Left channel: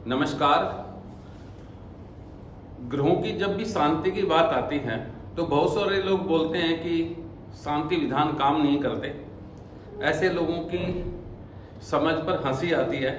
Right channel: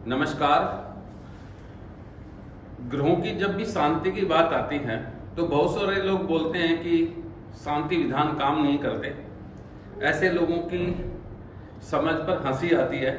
नमस्कार। ग्रहों की जब भी शांति की बात आती है तो बहुत सारे लोग बोलते हैं कि शांति विधान काम नहीं करते। ऐसे लोगों की समझ पर हंसी आती है,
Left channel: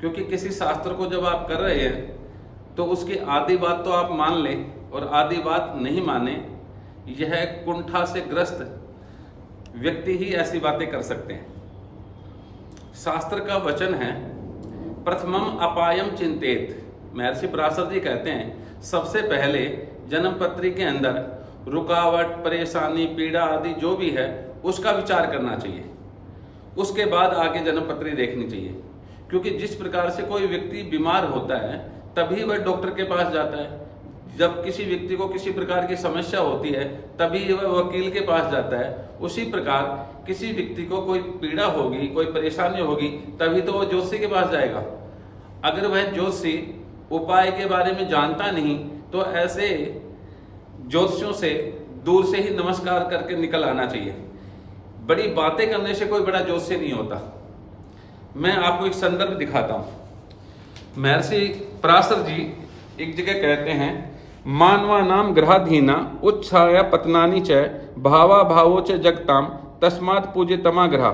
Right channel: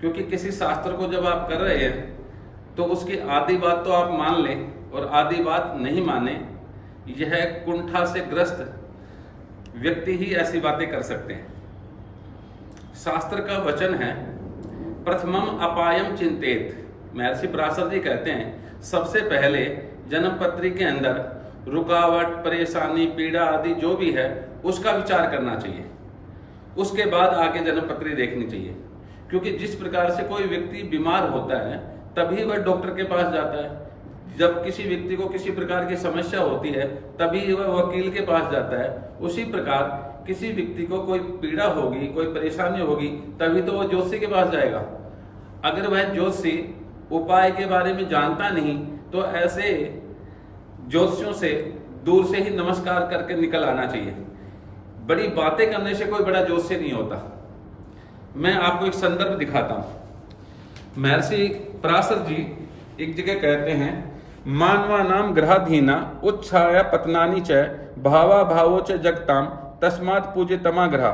क्योंकि किसी शास्त्र को जब आप कर रहे हैं तो उसकी आधी बात तो आप मान लें और आधी बात नहीं माने। यह कुंठा से ग्रस्त व्यक्ति ही ऐसी बातें कर सकते हैं। शास्त्र का वचन है, प्रथमम अपायम चिंतेत। महर्षि पराशर जी कहते हैं सबसे पहले जन्म पत्री के अंदर रुकावट, परेशानी, पीड़ा आदि जो भी है उसका विचार करना चाहिए। उसके बाद आगे जन्म पत्री देखनी चाहिए, क्योंकि जिस प्रकार से कोई व्यक्ति बीमार होता है तभी वह डॉक्टर के पास जाता है। जब किसी व्यक्ति को किसी प्रकार की समस्या होती है तभी वह वकील के पास जाता है। उसी प्रकार किसी व्यक्ति को कोई पीड़ा होगी, कोई परेशानी होगी, तभी तो वह ज्योतिषी के पास जाएगा। अगर वह ज्योतिषी उपाय के बारे में जानता नहीं तो ऐसे ज्योतिषियों से दूर से ही नमस्कार करके निकल आना चाहिए। बड़ी बातें करने से कोई बड़ा ज्योतिषी नहीं होता। मैं आपको एक संदर्भ दिखाता हूं। महर्षि पराशर जी एक जगह कहते हैं, मानवा नाम ग्रहाधीना उत्छाया पतनानी च भावा भावो च जगताम तस्मात् पूज्यतमा ग्रह।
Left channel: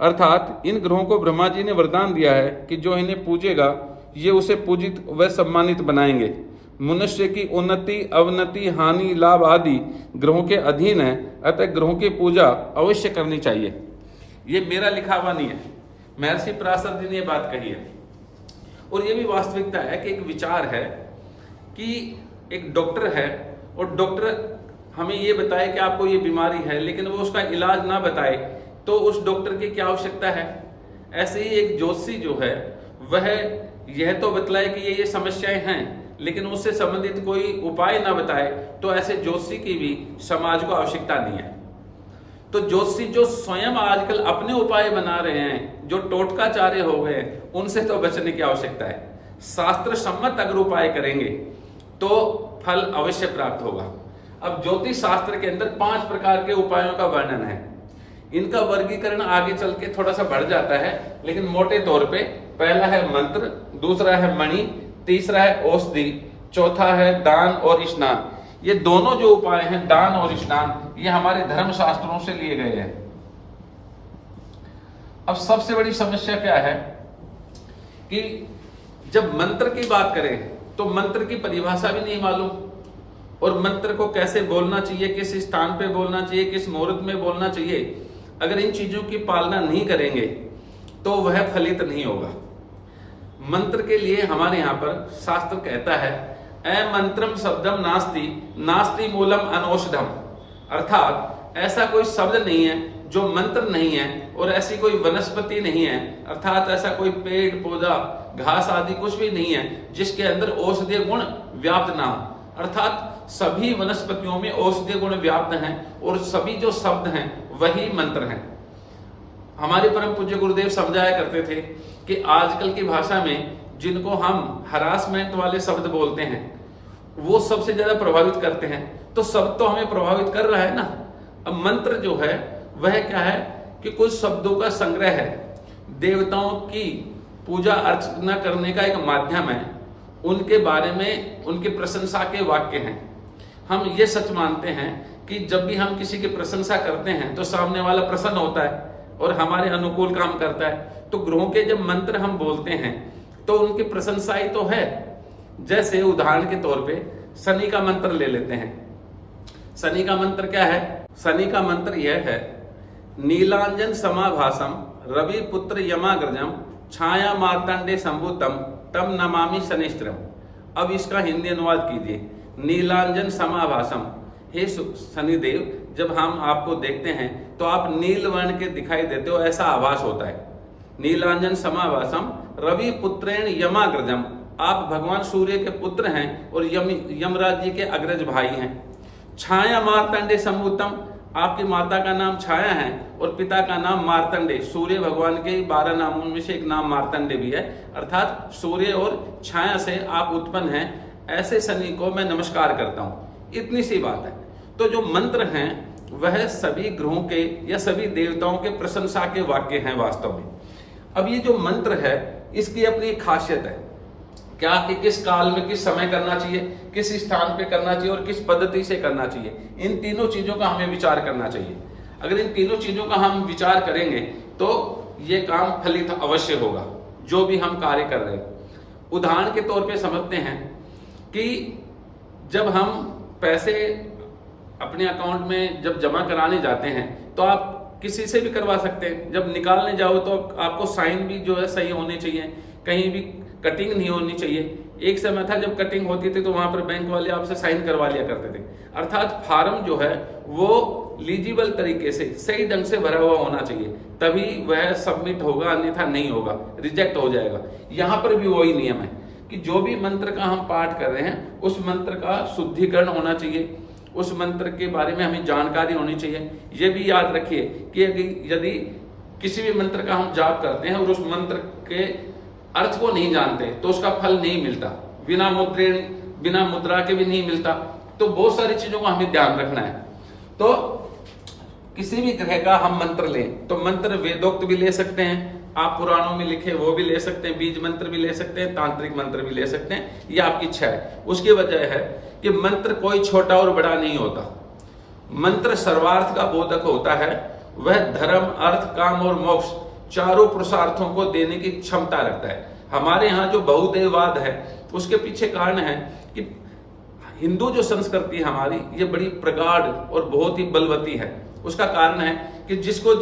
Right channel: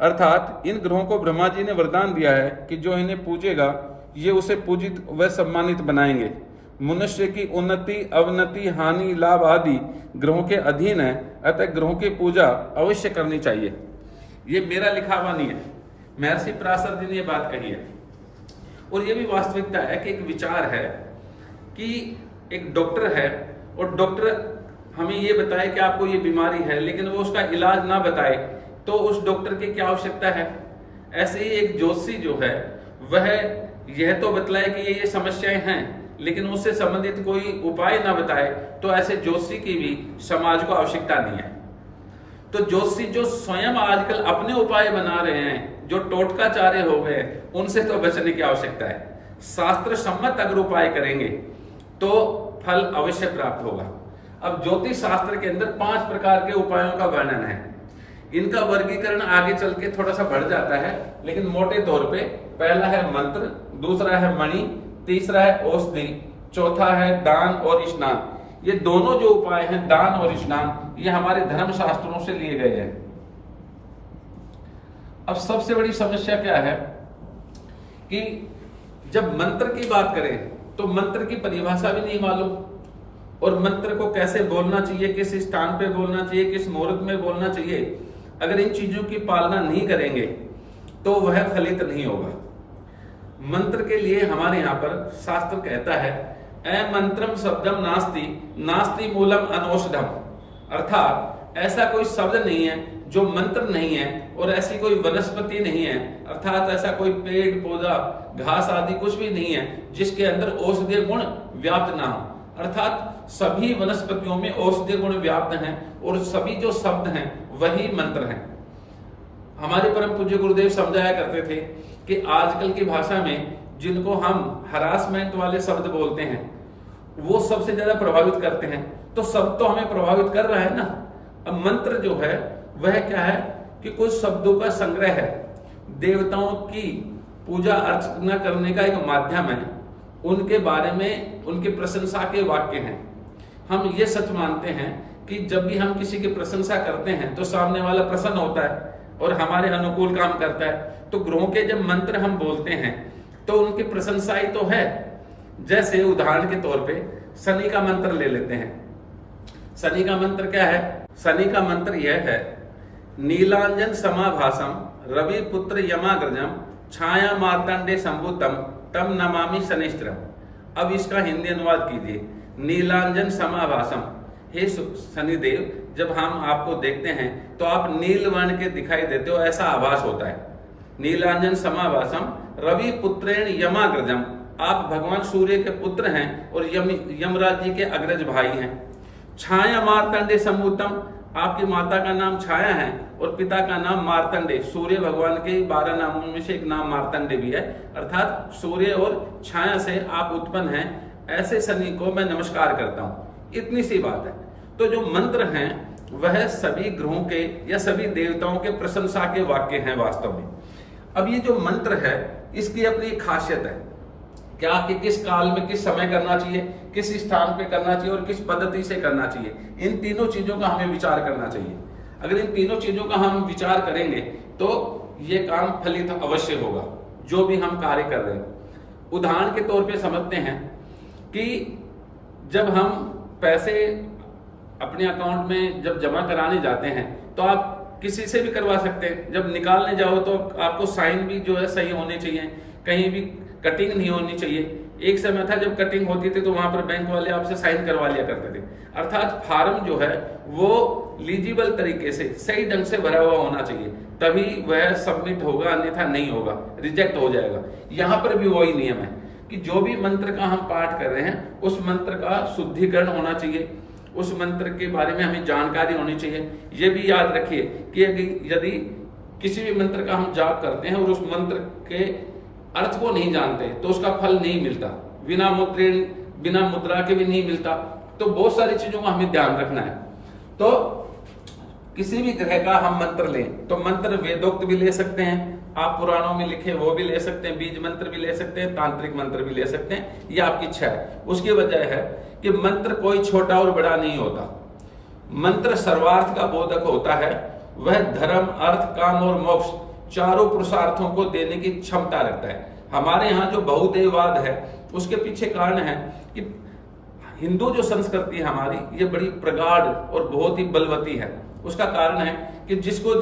अर्थात इन ग्रहों को ब्रह्मा जी ने वरदान दिया है कि जो इन्हें पूजेगा ये उसे पूजित व सम्मानित बनाएंगे। मनुष्य की उन्नति, अवनति, हानि, लाभ आदि ग्रहों के अधीन है, अतः ग्रहों की पूजा अवश्य करनी चाहिए। ये मेरा लिखा हुआ नहीं है, महर्षि पराशर जी ने ये बात कही है। और ये भी वास्तविकता है कि एक विचार है कि एक डॉक्टर है और डॉक्टर हमें ये बताए कि आपको ये बीमारी है, लेकिन वो उसका इलाज ना बताए तो उस डॉक्टर की क्या आवश्यकता है। ऐसे ही एक ज्योतिषी जो है वह यह तो बतलाए कि ये समस्याएं हैं, लेकिन उससे संबंधित कोई उपाय ना बताए तो ऐसे ज्योतिषी की भी समाज को आवश्यकता नहीं है। तो ज्योतिषी जो स्वयं आजकल अपने उपाय बना रहे हैं, जो टोटकाचार्य हो गए, उनसे तो बचने की आवश्यकता है। शास्त्र सम्मत अगर उपाय करेंगे तो फल अवश्य प्राप्त होगा। अब ज्योतिष शास्त्र के अंदर 5 प्रकार के उपायों का वर्णन है। इनका वर्गीकरण आगे चल के थोड़ा सा बढ़ जाता है, लेकिन मोटे तौर पे पहला है मंत्र, दूसरा है मणि, तीसरा है औषधि, चौथा है दान और स्नान। ये दोनों जो उपाय हैं, दान और स्नान, ये हमारे धर्म शास्त्रों से लिए गए हैं। अब सबसे बड़ी समस्या क्या है कि जब मंत्र की बात करें तो मंत्र की परिभाषा भी नहीं मालूम, और मंत्र को कैसे बोलना चाहिए, किस स्थान पे बोलना चाहिए, किस मुहूर्त में बोलना चाहिए। अगर इन चीजों की पालना नहीं करेंगे तो वह फलित नहीं होगा। मंत्र के लिए हमारे यहाँ पर शास्त्र कहता है, अमंत्रम शब्दम नास्ति नास्ति मूलम अनौषधम। अर्थात ऐसा कोई शब्द नहीं है जो मंत्र नहीं है, और ऐसी कोई वनस्पति नहीं है, अर्थात ऐसा कोई पेड़ पौधा घास आदि कुछ भी नहीं है जिसके अंदर औषधीय गुण व्याप्त ना हो। अर्थात सभी वनस्पतियों में औषधीय गुण व्याप्त हैं और सभी जो शब्द हैं वही मंत्र हैं। हमारे परम पूज्य गुरुदेव समझाया करते थे कि आजकल की भाषा में जिनको हम हरासमेंट वाले शब्द बोलते हैं वो सबसे ज्यादा प्रभावित करते हैं। तो शब्द तो हमें प्रभावित कर रहा है ना। अब मंत्र जो है वह क्या है कि कुछ शब्दों का संग्रह है, देवताओं की पूजा अर्चना करने का एक माध्यम है, उनके बारे में उनकी प्रशंसा के वाक्य हैं। हम ये सच मानते हैं कि जब भी हम किसी की प्रशंसा करते हैं तो सामने वाला प्रसन्न होता है और हमारे अनुकूल काम करता है। तो ग्रहों के जब मंत्र हम बोलते हैं तो उनकी प्रशंसा ही तो है। जैसे उदाहरण के तौर पे शनि का मंत्र ले लेते हैं। शनि का मंत्र क्या है? शनि का मंत्र यह है, नीलांजन समाभासम रवि पुत्र यमाग्रजम छाया मार्तंडे संभूतम तम नमामि शनिश्चरम। अब इसका हिंदी अनुवाद कीजिए। नीलांजन समाभासम, हे शनिदेव, जब हम आपको देखते हैं तो आप नील वर्ण के दिखाई देते हो, ऐसा आभास होता है। नीलांजन समाभासम रवि पुत्रेण यमाग्रजम, आप भगवान सूर्य के पुत्र हैं और यमराज जी के अग्रज भाई हैं। छाया मार्तंडे संभूतम, आपकी माता का नाम छाया है और पिता का नाम मार्तंडे। सूर्य भगवान के 12 नामों में से एक नाम मार्तंडे भी है, अर्थात सूर्य और छाया से आप उत्पन्न हैं। ऐसे शनि को मैं नमस्कार करता हूं। इतनी सी बात है। तो जो मंत्र हैं वह सभी ग्रहों के या सभी देवताओं के प्रशंसा के वाक्य हैं वास्तव में। अब ये जो मंत्र है इसकी अपनी एक खासियत है। क्या कि किस काल में किस समय करना चाहिए, किस स्थान पे करना चाहिए और किस पद्धति से करना चाहिए, इन तीनों चीजों का हमें विचार करना चाहिए। अगर इन तीनों चीजों का हम विचार करेंगे तो ये काम फलित अवश्य होगा, जो भी हम कार्य कर रहे हैं। उदाहरण के तौर पे समझते हैं कि जब हम पैसे अपने अकाउंट में जब जमा कराने जाते हैं तो आप किसी से भी करवा सकते हैं। जब निकालने जाओ तो आपको साइन भी जो है सही होने चाहिए, कहीं भी कटिंग नहीं होनी चाहिए। एक समय था जब कटिंग होती थी तो वहां पर बैंक वाले आपसे साइन करवा लिया करते थे। अर्थात फार्म जो है वो लीजिबल तरीके से सही ढंग से भरा हुआ होना चाहिए, तभी वह सबमिट होगा, अन्यथा नहीं होगा, रिजेक्ट हो जाएगा। यहाँ पर भी वही नियम है कि जो भी मंत्र का हम पाठ कर रहे हैं उस मंत्र का शुद्धिकरण होना चाहिए, उस मंत्र के बारे में हमें जानकारी होनी चाहिए। ये भी याद रखिए कि यदि किसी भी मंत्र का हम जाप करते हैं और उस मंत्र के अर्थ को नहीं जानते तो उसका फल नहीं मिलता, बिना मुद्रा के भी नहीं मिलता। तो बहुत सारी चीजों का हमें ध्यान रखना है। तो किसी भी ग्रह का हम मंत्र लें तो मंत्र वेदोक्त भी ले सकते हैं, आप पुराणों में लिखे वो भी ले सकते हैं, बीज मंत्र भी ले सकते हैं, तांत्रिक मंत्र भी ले सकते हैं, ये आपकी इच्छा है। उसकी वजह है कि मंत्र कोई छोटा और बड़ा नहीं होता। मंत्र सर्वार्थ का बोधक होता है, वह धर्म, अर्थ, काम और मोक्ष चारों पुरुषार्थों को देने की क्षमता रखता है। हमारे यहाँ जो बहुदेववाद है उसके पीछे कारण है कि हिंदू जो संस्कृति है हमारी, ये बड़ी प्रगाढ़ और बहुत ही बलवती है। उसका कारण है कि जिसको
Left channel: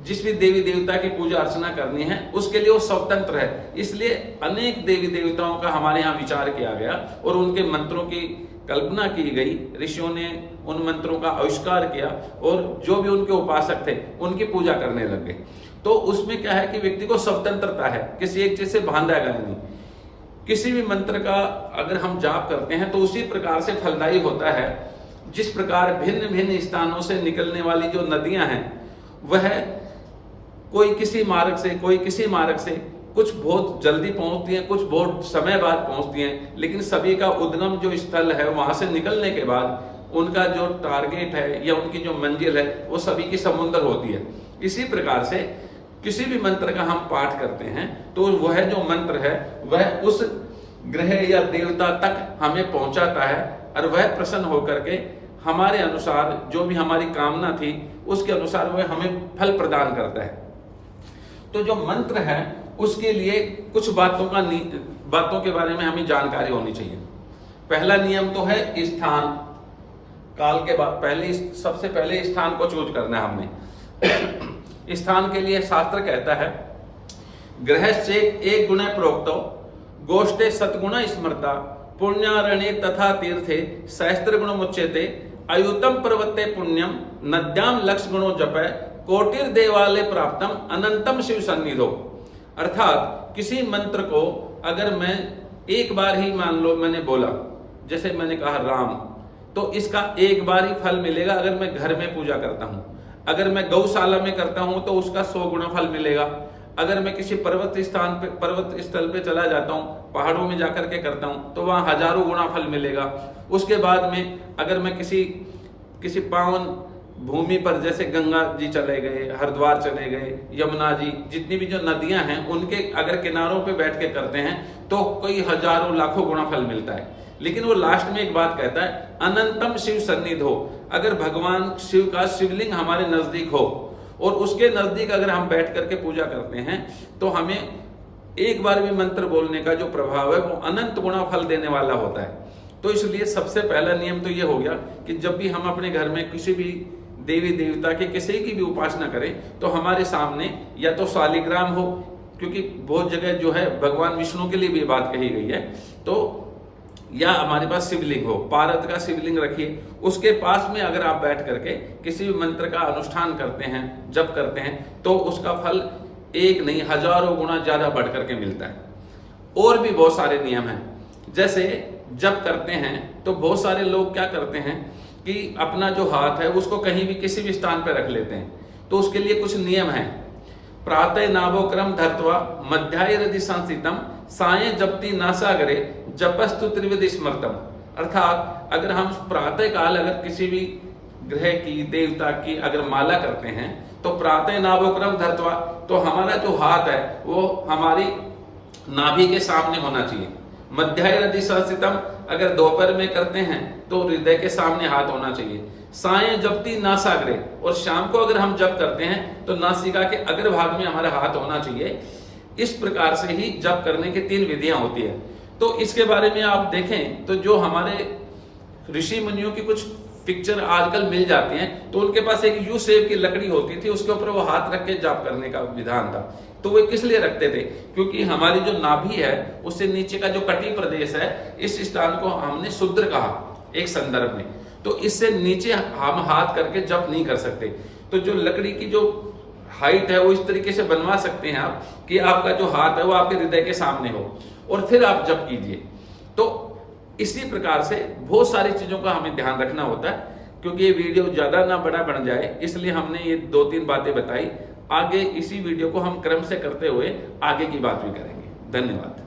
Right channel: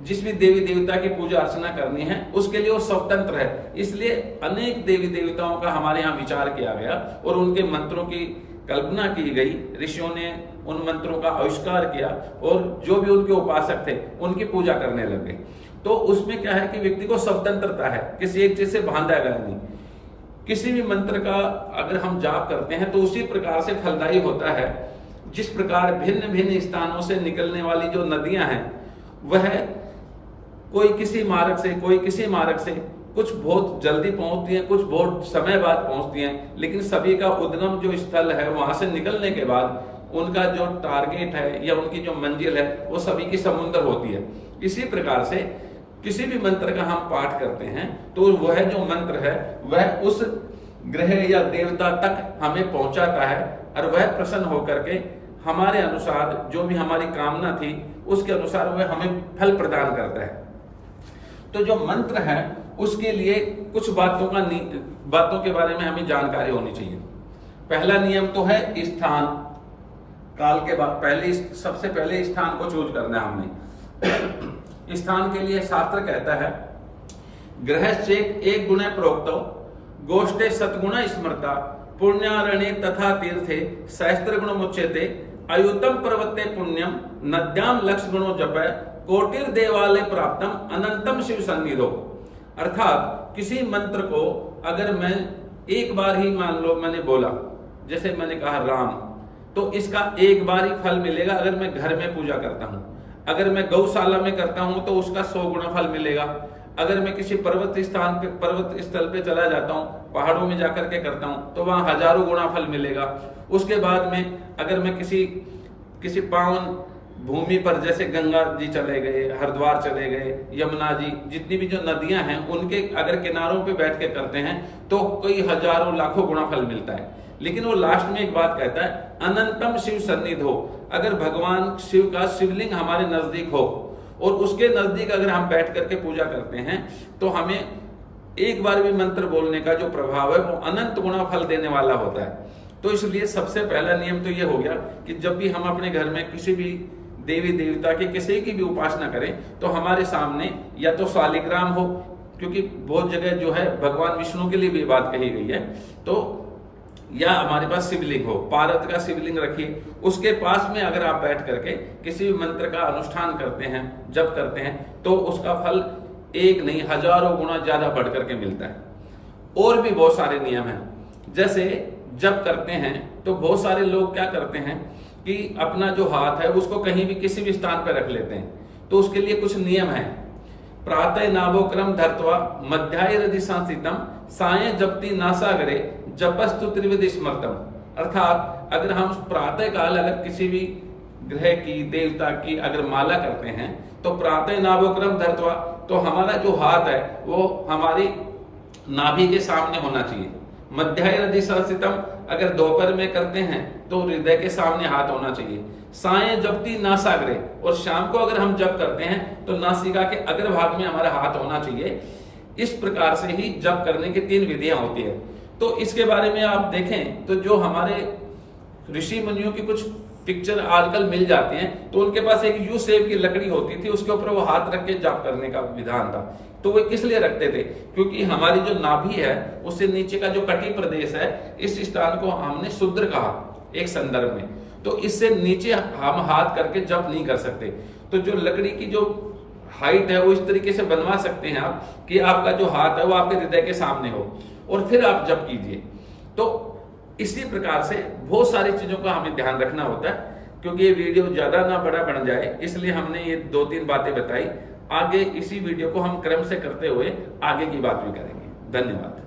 जिस भी देवी देवता की पूजा अर्चना करनी है उसके लिए वो स्वतंत्र है। इसलिए अनेक देवी देवताओं का हमारे यहाँ विचार किया गया और उनके मंत्रों की कल्पना की गई। ऋषियों ने उन मंत्रों का आविष्कार किया और जो भी उनके उपासक थे उनकी पूजा करने लग गए। तो उसमें क्या है कि व्यक्ति को स्वतंत्रता है, किसी एक चीज से बांधा गया नहीं। किसी भी मंत्र का अगर हम जाप करते हैं तो उसी प्रकार से फलदायी होता है जिस प्रकार भिन्न भिन्न स्थानों से निकलने वाली जो नदियां हैं वह कोई किसी मार्ग से, कोई किसी मार्ग से, कुछ बहुत जल्दी पहुंचती हैं, कुछ बहुत समय बाद पहुंचती हैं, लेकिन सभी का उद्गम जो स्थल है वहां से निकलने के बाद उनका जो टारगेट है या उनकी जो मंजिल है वो सभी की समुद्र होती है। इसी प्रकार से किसी भी मंत्र का हम पाठ करते हैं तो वह जो मंत्र है वह उस ग्रह या देवता तक हमें पहुंचाता है और वह प्रसन्न होकर के हमारे अनुसार जो भी हमारी कामना थी उसके अनुसार वह हमें फल प्रदान करता है। तो जो मंत्र है उसके लिए कुछ बातों के बारे में हमें जानकारी होनी चाहिए। पहला नियम तो है स्थान काल के बाद सबसे पहले स्थान को चूज करना है हमने। स्थान के लिए शास्त्र कहता है ग्रहश्चेक एक गुण प्रोक्तो गोष्ठे सतगुण स्मृता पुण्यारण्ये तथा तीर्थे सहस्त्र गुण मुच्यते अयुतम पर्वते पुण्यम नद्याम लक्ष गुणों जपय कोटिर देवालय प्राप्तम अनंतम शिव सन्निधो। अर्थात किसी मंत्र को अगर मैं एक बार ही मान लो मैंने बोला, जैसे मैंने कहा राम, तो इसका एक बार ही फल मिलेगा अगर मैं घर में पूजा करता हूं। अगर मैं गौशाला में करता हूं तो उसका 100 गुना फल मिलेगा। अगर मैं किसी पर्वत स्थल पे चला जाता हूं, पहाड़ों में जाकर के करता हूं तो वहां हजारों गुना फल मिलेगा। उसके बाद में अगर मैं किसी पावन भूमि पर जैसे गंगा जी चले गए, हरिद्वार चले गए, यमुना जी, जितनी भी जो नदियां हैं उनके अगर किनारों पे बैठ के करते हैं तो कई हजारों लाखों गुना फल मिलता है। लेकिन वो लास्ट में एक बात कहता है अनंतम शिव सन्निध हो। अगर भगवान शिव का शिवलिंग हमारे नजदीक हो और उसके नजदीक अगर हम बैठ करके पूजा करते हैं तो हमें एक बार भी मंत्र बोलने का जो प्रभाव है वो अनंत गुना फल देने वाला होता है। तो इसलिए सबसे पहला नियम तो ये हो गया कि जब भी हम अपने घर में किसी भी देवी देवता के किसी की भी उपासना करें तो हमारे सामने या तो शालिग्राम हो, क्योंकि बहुत जगह जो है भगवान विष्णु के लिए भी बात कही गई है, तो या हमारे पास शिवलिंग हो, पारद का शिवलिंग रखिए। उसके पास में अगर आप बैठ करके किसी भी मंत्र का अनुष्ठान करते हैं, जप करते हैं, तो उसका फल एक नहीं हजारों गुना ज्यादा बढ़ करके मिलता है। और भी बहुत सारे नियम हैं। जैसे जप करते हैं तो बहुत सारे लोग क्या करते हैं कि अपना जो हाथ है उसको कहीं भी किसी भी स्थान पर रख लेते हैं। तो उसके लिए कुछ नियम है। प्रातः नाभोक्रम धर्त्वा मध्याय हृदि संस्थितम सायं जपति नासागरे जपस्तु त्रिविधि स्मृतम। अर्थात अगर हम प्रातः काल अगर किसी भी ग्रह की देवता की अगर माला करते हैं तो प्रातः नाभोक्रम धर्त्वा, तो हमारा जो हाथ है वो हमारी नाभि के सामने होना चाहिए। मध्याह्न यदि संस्थितम अगर दोपहर में करते हैं तो हृदय के सामने हाथ होना चाहिए। सायं जपति नासाग्रे, और शाम को अगर हम जप करते हैं तो नासिका के अग्र भाग में हमारा हाथ होना चाहिए। इस प्रकार से ही जप करने की 3 विधियां होती है। तो इसके बारे में आप देखें तो जो हमारे ऋषि मुनियों की कुछ पिक्चर आजकल मिल जाती हैं, तो उनके पास एक यू शेप की लकड़ी होती थी, उसके ऊपर वो हाथ रख के जाप करने का विधान था। तो वो किस लिए रखते थे? क्योंकि हमारी जो नाभि है उससे नीचे का जो कटी प्रदेश है, इस स्थान को हमने शुद्र कहा एक संदर्भ में, तो इससे नीचे हम हाथ करके जप नहीं कर सकते। तो जो लकड़ी की जो हाइट है वो इस तरीके से बनवा सकते हैं आप कि आपका जो हाथ है वो आपके हृदय के सामने हो और फिर आप जप कीजिए। तो इसी प्रकार से बहुत सारी चीजों का हमें ध्यान रखना होता है। क्योंकि ये वीडियो ज्यादा ना बड़ा बन जाए, इसलिए हमने ये 2-3 बातें बताई। आगे इसी वीडियो को हम क्रम से करते हुए आगे की बात भी करेंगे। धन्यवाद।